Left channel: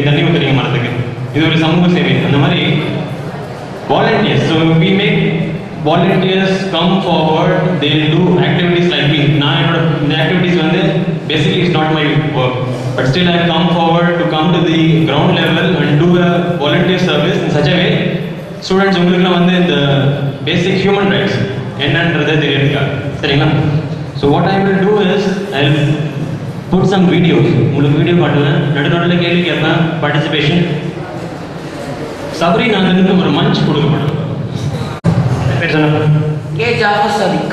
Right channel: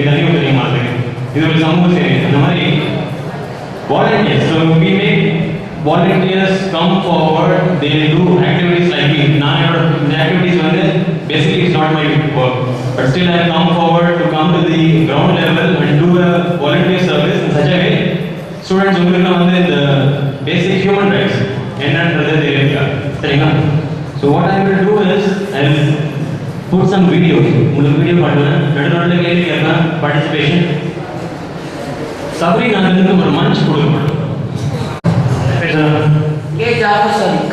இப்படி தண்ணி ஊற்றுறீங்க மரத்துக்கு, இது ஒரு சமூக சேவை. அந்த மாதிரி volunteers. So we make volunteers come forward, they do activities like me. நான் இந்த activities வந்து basically it's not my work, but still I come forward to come to the ground level and do a volunteer service in such a way students உங்களுக்கு வந்து இந்த basic human rights என்னன்றது தெரியுங்க, சரிங்களா? So what I will do is I will put some videos. உங்களுக்கு video காட்டுவேன், நடுநடுவில் கேள்வி கேட்பேன், பார்ட்டிசிபேஷன். சபரி நான் வந்து ஒரு மஞ்ச் கொடுக்க के जाफर सदीक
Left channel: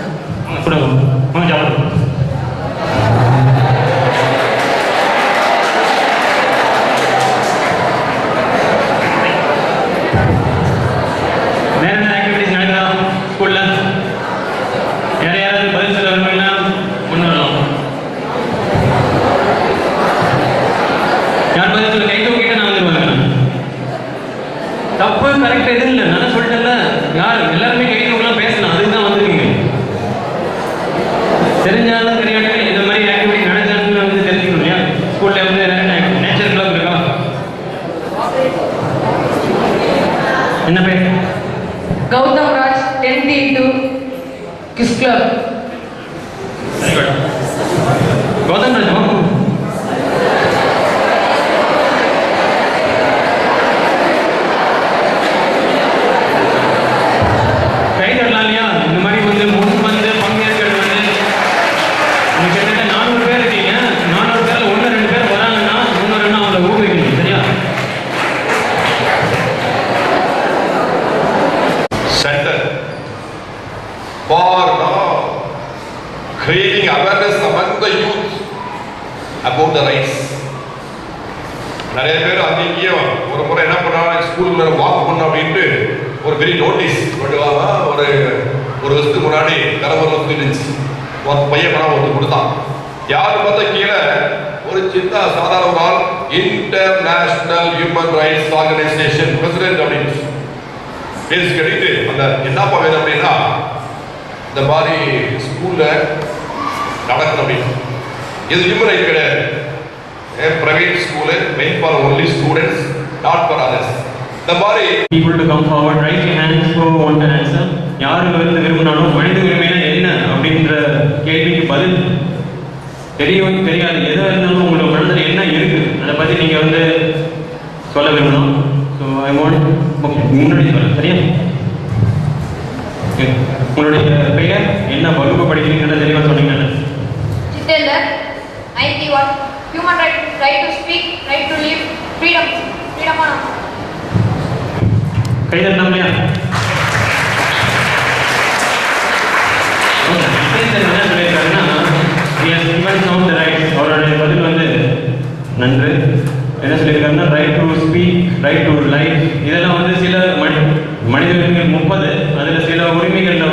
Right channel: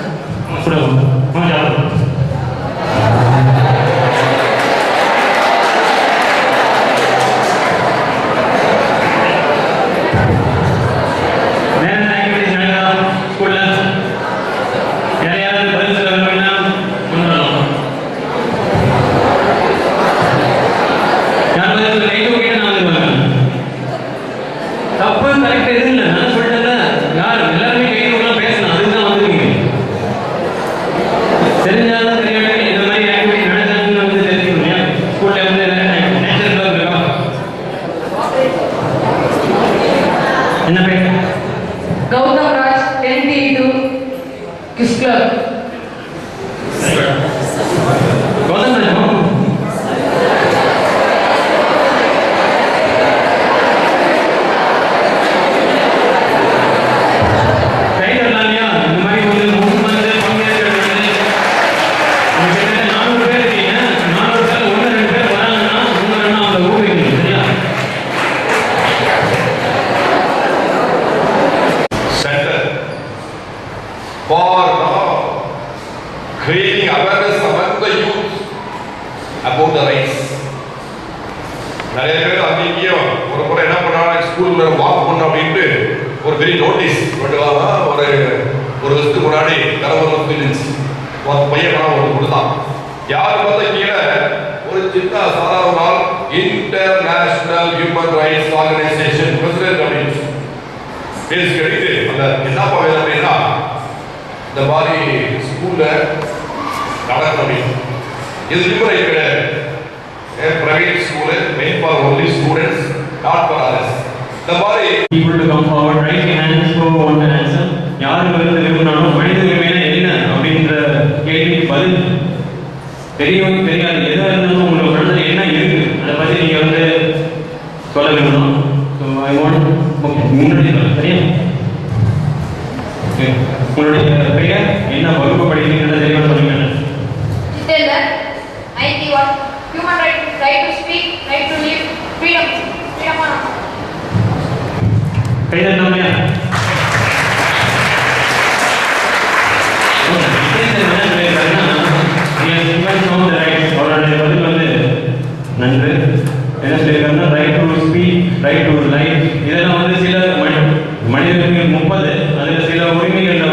தப்பு கரெக்ட் எதுவும் இல்லை, நான் சொல்லிட்டேன்ல, யார் எல்லாருமே கை தூக்கலாம் பேசலாம், அதுக்கு தான் வந்துருக்கீங்க. தெரிஞ்சாலும் தெரியாமல் இந்த மாதிரி ஆக்டிவிட்டி நடந்தாலும் வந்து தெரிஞ்சுக்கணும் இல்லையா? ஸ்கூல்ல வந்து நேச்சர் கிளப் இருக்கா? என்ன பேர்? गौतम राज 10D2 किस club Gautam Raj creating awareness among the youth about the rights. நிறைய பேர் அங்கேயும் ஒரு முறை என்ன பண்ணாங்க, ஸ்கூல்ல வாக் பண்ண அப்படின்ட்டு ஒரு பெரிய நோட்டீஸ் பண்ணுவாங்க. ஒரு வருஷத்துக்கு முன்னாடி கரவரில் தூக்கிடுச்சு, ஒரு பையன் பணம் ஒன்று கொடுத்தான். யார் பார்த்தா கீழே ஒரு சின்ன சாதாரண நாள் international human rights organisation president அப்படின்னு பேசி கழித்து அந்த என்னப்பா வேணும் அப்படின்னா, இந்த மாதிரி ஸ்கூல்ல நடக்கணும் அப்படின்னு. இது ஹியூமன் ரைட் கிடையாது, private school main for only students, not for others. இந்த மாதிரி people to come forward, raise your hands who want an answer. யாருக்கு வந்து விரும்பினாலும் மனித உரிமைனா என்ன அப்படின்ற கேள்விக்கு பதில் தெரியும் தெரியாது எதாக இருந்தாலும் உங்களுக்கு மனதில் என்ன இருக்கு அதை பற்றி நீங்கள் வந்து சொல்ல விரும்பணும். ஸோ ஐ வாண்ட் முன்னாடி சொல்ல சரியா? உங்களுடைய பெயர் என்ன, வகுப்பு படிக்கிறீங்கன்னு தெளிவாக சொன்னீங்க. Jitendra, 91. Human right to speak, right to live, freedom on. கைதல் நம்மையா? அவருடைய பதில் வந்து நன்று. என்ன சொல்லியிருக்காருன்னா right to speak, right to life, இதெல்லாம் வந்து சில மனித உரிமைகள் 30, அதில் சில உரிமைகள்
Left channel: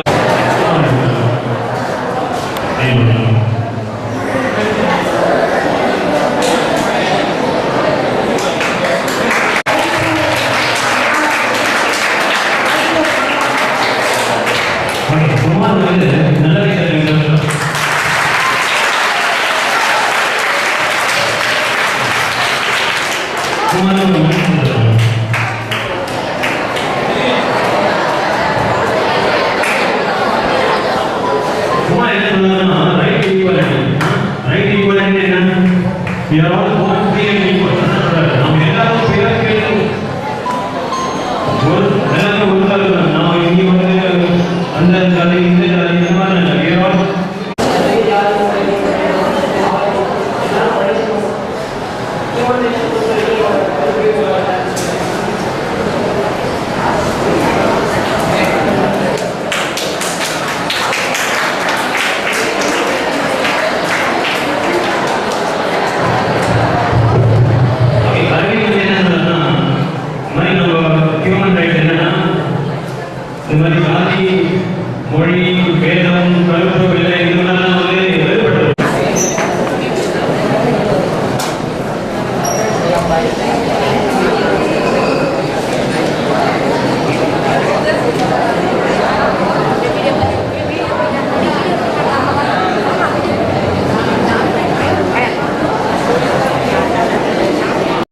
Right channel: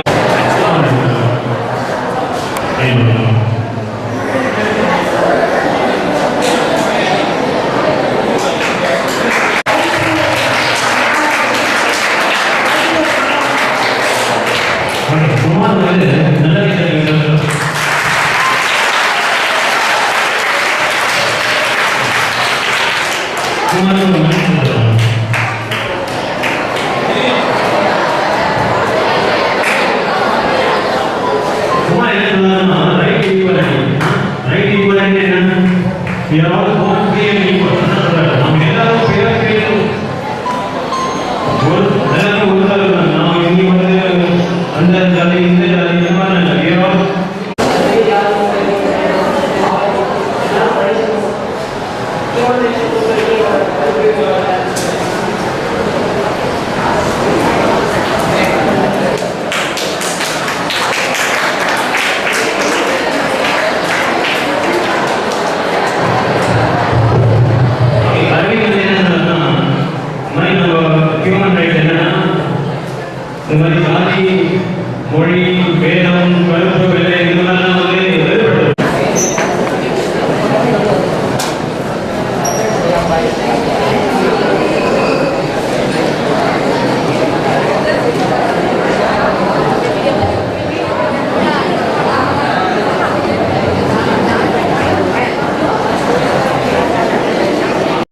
We are all born free and equal. நாம் எல்லாரும் பிறக்கையில் ஒரு நாம் இங்கே வந்து அந்த ஜாதி இந்த ஜாதி இந்த மாதிரி இந்த மாதிரி ஜாதி மொழி வேதம் கருத்து வெள்ளை இதெல்லாம் வந்து வேறுபட்டது.